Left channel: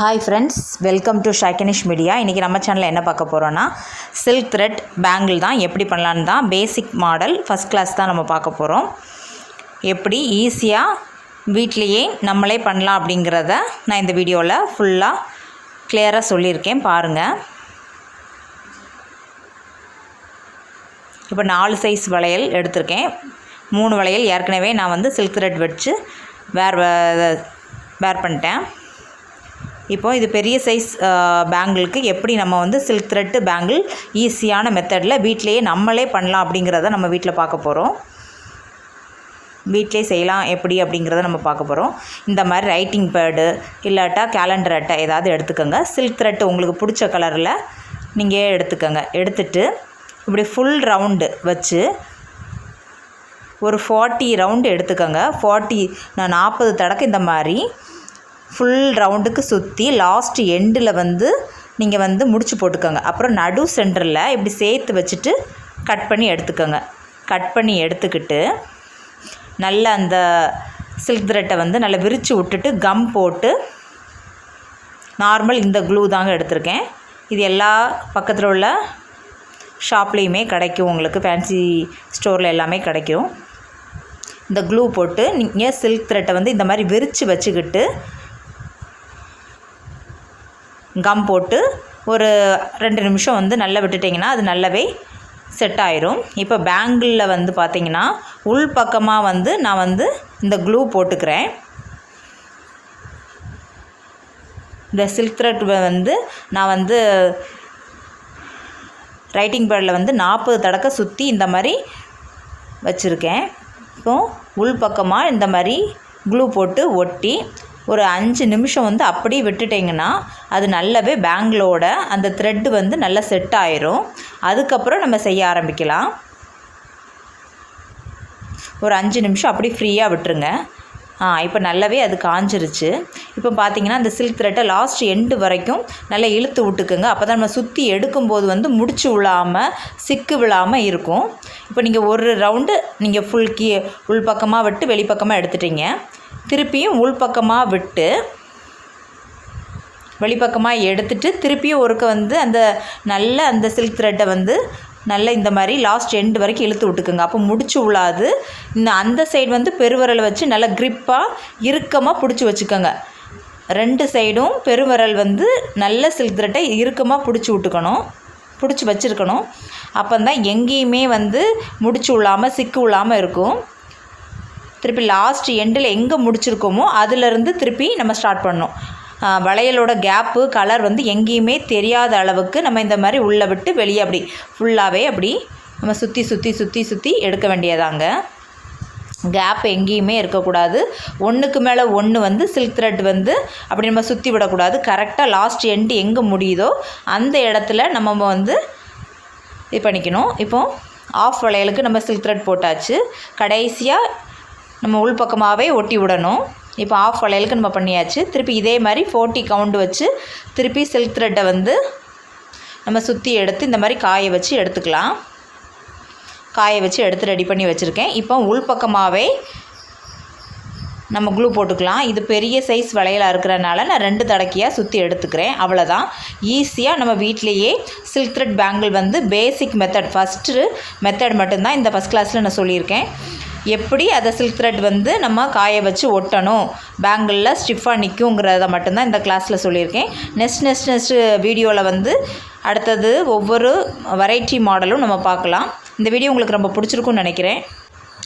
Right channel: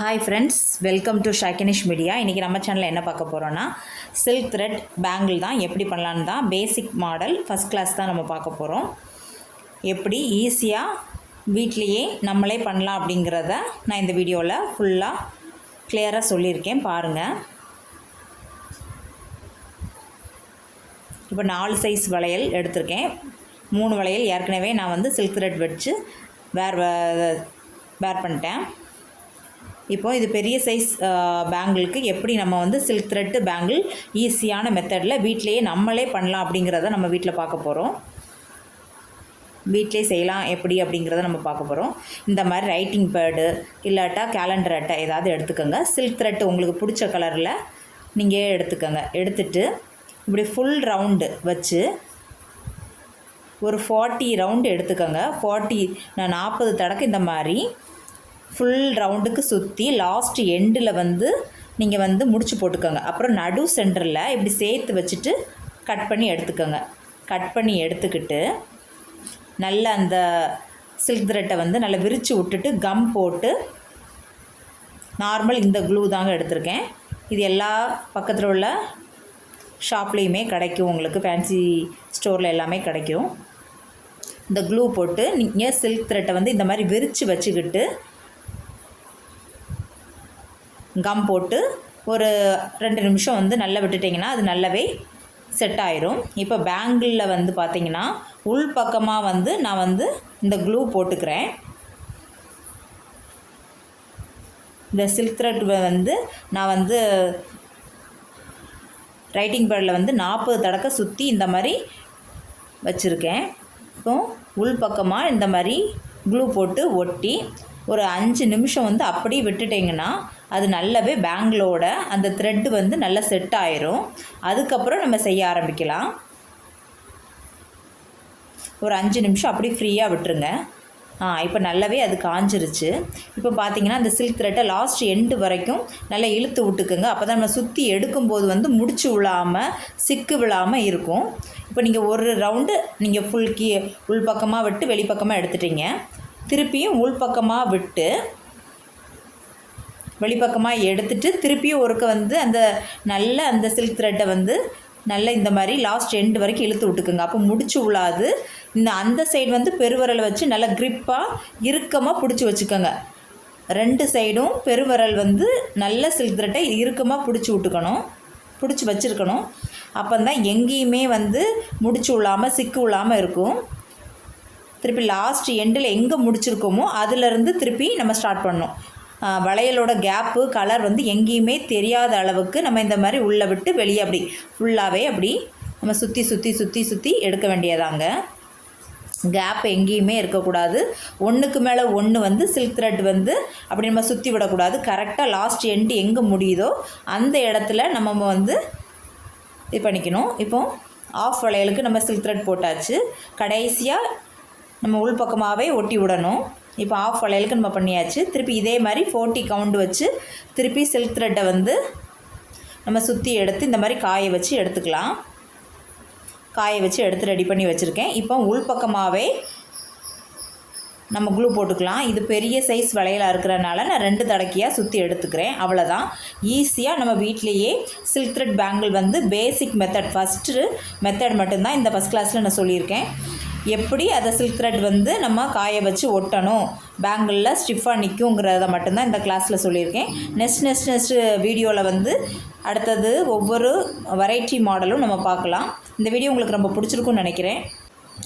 Hi friends, welcome to ஷைக்கனிஷ் media. இன்றைக்கி நம்ம சேனலில் என்ன பார்க்க போகிறோன்னா சில்க் த்ரெட் பேங்கிள் தான் எப்படி பண்ணலான்னு தான். பேசிக் மாடல் ஃபஸ்ட் கிளாஸ் தான் நம்ம பார்க்க போகிறோம். எப்படி ஈஸியாக வீட்லேயே நம்மளே பண்ணலாம் அப்படிங்கிறத நான் இந்த வீடியோவில் ஃபுல்லாக கிளியராக சொல்லியிருக்கேன், பாருங்கள். இப்போ 4 சைஸ் வளையல் எடுத்திருக்கேன். 3 வளையல் ஏற்கனவே நான் சில்க் த்ரெட் வச்சு வேர் பண்ணிட்டேன். இப்போது இது பெரிய சைஸ் பேங்கிளுக்கு எப்படி நம்ம சில்க் த்ரெட்டு பேங்கிள் ஈஸியான மெத்தடில் வீட்டிலையே நம்மளே பண்ணலாம் அப்படிங்கிறத நம்ம வீட்டில் பார்க்க போகிறோம். வீட்டிலே செய்யலாம் எப்படி அப்படிங்கிறத நம்ம பார்க்க போகிறோம். இந்த மாதிரி ரைட்டிங் பேடு இல்லாட்டா கேலண்டர் அட்டை ஏதாவது எடுத்துக்கோங்க. சில்க் த்ரெட்டு உங்களுக்கு பிடிச்ச கலரில் நீங்கள் எடுத்துக்கோங்க. எடுத்துகிட்டு இப்படி ஃபுல் ரவுண்டு வச்சு ஒரு 40 ரவுண்டு எடுத்துக்கோங்க. 40 தடக்கு இந்த மாதிரி ஃபுல் ரவுண்டுக்கு சுற்றி லாஸ்ட் எண்டில் நீங்கள் முடிச்சு போட்டுக்கோங்க. அப்புறம் நடு சென்டரில் இப்படி சேர்த்து வச்சுட்டு கட் பண்ணி எடுத்துக்கோங்க. கட் பண்ணி எடுத்துக்கிட்டு நல்லா அந்த சில்க் த்ரெட்டை நல்லா விரித்து விட்டுட்டு கம் போட்டு, நார்மல் இந்த க்ளூ தாங்க எடுத்திருக்கேன். இது எல்லா பக்கத்தில் உள்ள ஷாப்லேயுமே கிடைக்கும், உங்களுக்கு ஃபேன்சி ஸ்டோரில் எல்லாமே கிடைக்கும். இந்த க்ளூ போட்டு நீங்கள் சில்க் த்ரெட்டை இந்த மாதிரி விரித்து வச்சுக்கிட்டு கம் போட்டு ஒரு 2 நிமிஷம் நல்லா விட்டுட்டிங்கன்னா அது நல்லாவே செட் ஆயிரும். இப்போ பேங்கிளில் பார்த்திங்கன்னா உள் பக்கமாக நான் இந்த க்ளூ போட்டுக்கிறேன். இந்த சில்க் த்ரெட் நான் ரைட்டிங் பேடில் 40 தடக்க சுற்றி இந்த மாதிரி வச்சுருக்கேன். இப்போது உள் பக்கமாக இந்த மாதிரி க்ளூ போட்டு ஒட்டி ஒரு 5 நிமிஷம் அப்படியே விட்டுட்டிங்கன்னா அது நல்லாவே பேங்கிளோட அந்த த்ரெட்டு நல்லா செட் ஆயிரும். அதுக்கப்புறம் நம்ம செய்ய ஆரம்பிக்கலாம். ஒரு 5 நிமிஷம் அப்படியே ஃப்ரீயாக விட்டுருங்க. இப்போ நல்லாவே அது காஞ்சிருச்சு. இப்போ பார்த்திங்கன்னா அந்த சில்க் த்ரெட்டை லாஸ்ட் எண்டு வரைக்கும் நல்லா இழுத்து விட்டுக்குங்க. அப்போ தான் நம்ம சுற்றி எடுக்கும்போது முடிச்சு விழாமல் சிக்கு விழாமல் இருக்கும். இப்போ நீங்கள் ஒரு ரவுண்டு நீங்கள் ஃபுல் உள் பக்கமாக விட்டு வெளிப்பக்கமாக எடுத்துட்டீங்க. திருப்பியும் உள்பக்கமாக விட்டு வெளிப்பக்கமாக எடுத்துகிட்டு திருப்பியும் ஒருக்க அந்த நல்ல அந்த சில்க் த்ரெட்டை நல்லா இந்த மாதிரி லாஸ்ட் எண்டு வரைக்கும் இழுத்து விட்டுக்குங்க. அப்போ முடிச்சு விழாது. இந்த அந்த சைடு பெருவிரல் வச்சு நல்லா க்ரிப்பாக இறுக்கமாக பிடிச்சி வச்சுக்கோங்க. 2 சைடும் பெருவிரல் நல்ல சில்க் த்ரெட்டை இறுக்கமாக பிடிச்சி வச்சுருக்கணும். அப்போ தான் எங்கேயுமே முடிச்சு விழாமல் சிக்கு விழாமல் இருக்கும். திருப்பி லாஸ்ட் எண்டில் எங்கே முடிச்சிருக்கோமோ அதிலேருந்து திருப்பி நம்ம ஸ்டார்ட் பண்ணோம். வளையலோட கேப்பு கலர் எங்கேயுமே தெரியாத அளவுக்கு நம்ம இந்த மாதிரி உள்ளே விட்டு வெளியே அப்படி ஃபுல்லாகவே அப்படி நம்ம சுற்றி சுற்றி சுற்றி சுற்றி எடுக்க வேண்டியதாங்க. கேப் எங்கேயுமே இருக்கக்கூடாது. ஒன்றுக்கு மேலே ஒன்று சில்க் த்ரெட் அப்படி நம்ம சுற்றி விடக்கூடாது. கரெக்டாக லாஸ்ட் எண்டு எங்கே முடியுதோ அந்த இடத்துல நம்ம இது பண்ணிக்கணும். இப்போது ஆஃப் வளையலுக்கு நம்ம சில்க் த்ரெட் போட்டாச்சு. கடைசியாக நம்ம உள்பக்கமாகவே ஒட்டி விடணும். இப்போ ஆஃப் வளையலுக்கு நம்ம பண்ணியாச்சு. திருப்பி இதே மாதிரி 40 கவுண்ட் வச்சு திருப்பி சில்க் த்ரெட்டை நம்ம சுற்றி எடுத்து இந்த மாதிரி காய வச்சு எடுத்துக்கலாம். காய வச்சு எடுத்து ரெடி பண்ணி வச்சுருக்கேன். இப்போ உள்பக்கமாகவே நம்ம க்ளூ போட்டுக்கலாம். இது பெரிய சைஸ் வளையலாக இருக்கிறனால நான் 2 தடக்கையாக சுற்றி எடுத்துக்கிறேன். அவ்வளோதான். ஈஸியாக நம்ம வீட்டிலையே சில்க் த்ரெட் பேங்கிள் பேசிக் மெத்தட், ஃபஸ்ட்டு மெத்தட் மட்டும்தான் இந்த ஃபஸ்ட் கிளாஸில் நான் சொல்லியிருக்கேன். எப்படி அதை சில்க் த்ரெட் நம்ம காய வச்சு ஒட்டணும், பேங்கிளில் ஸ்டிஃபாக நிற்குங்கிறத மட்டும்தான் இந்த கிளாஸில் சொல்லியிருக்கேன். நெக்ஸ்ட் வீடியோவில் அடுத்தது ஒவ்வொரு வெரைட்டி மாடலும் நம்ம பார்க்கலாம். இந்த வீடியோ உங்களுக்கு ரொம்ப பிடிச்சிருக்குன்னு நினைக்கிறேன்.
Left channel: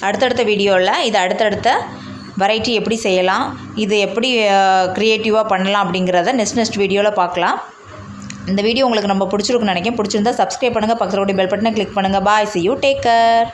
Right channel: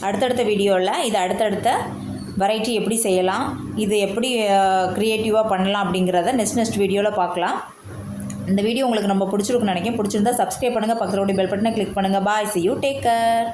அடுத்தடுத்த வீடியோவில் இது அடுத்தடுத்த வெரைட்டி எப்படி செய்யலாம், இது எப்படி க்ரியேட்டிவாக பண்ணலாம் அப்படிங்கிறத நெக்ஸ்ட் வீடியோவில் பார்க்கலாம். இந்த வீடியோ உங்களுக்கு ரொம்ப பிடிச்சிருக்குன்னு நினைக்கிறேன். பிடிச்சிருந்தா சப்ஸ்கிரைப் பண்ணுங்கள், பக்கத்தில் பெல் பட்டனை கிளிக் பண்ணுங்கள். பாய், see you, take care.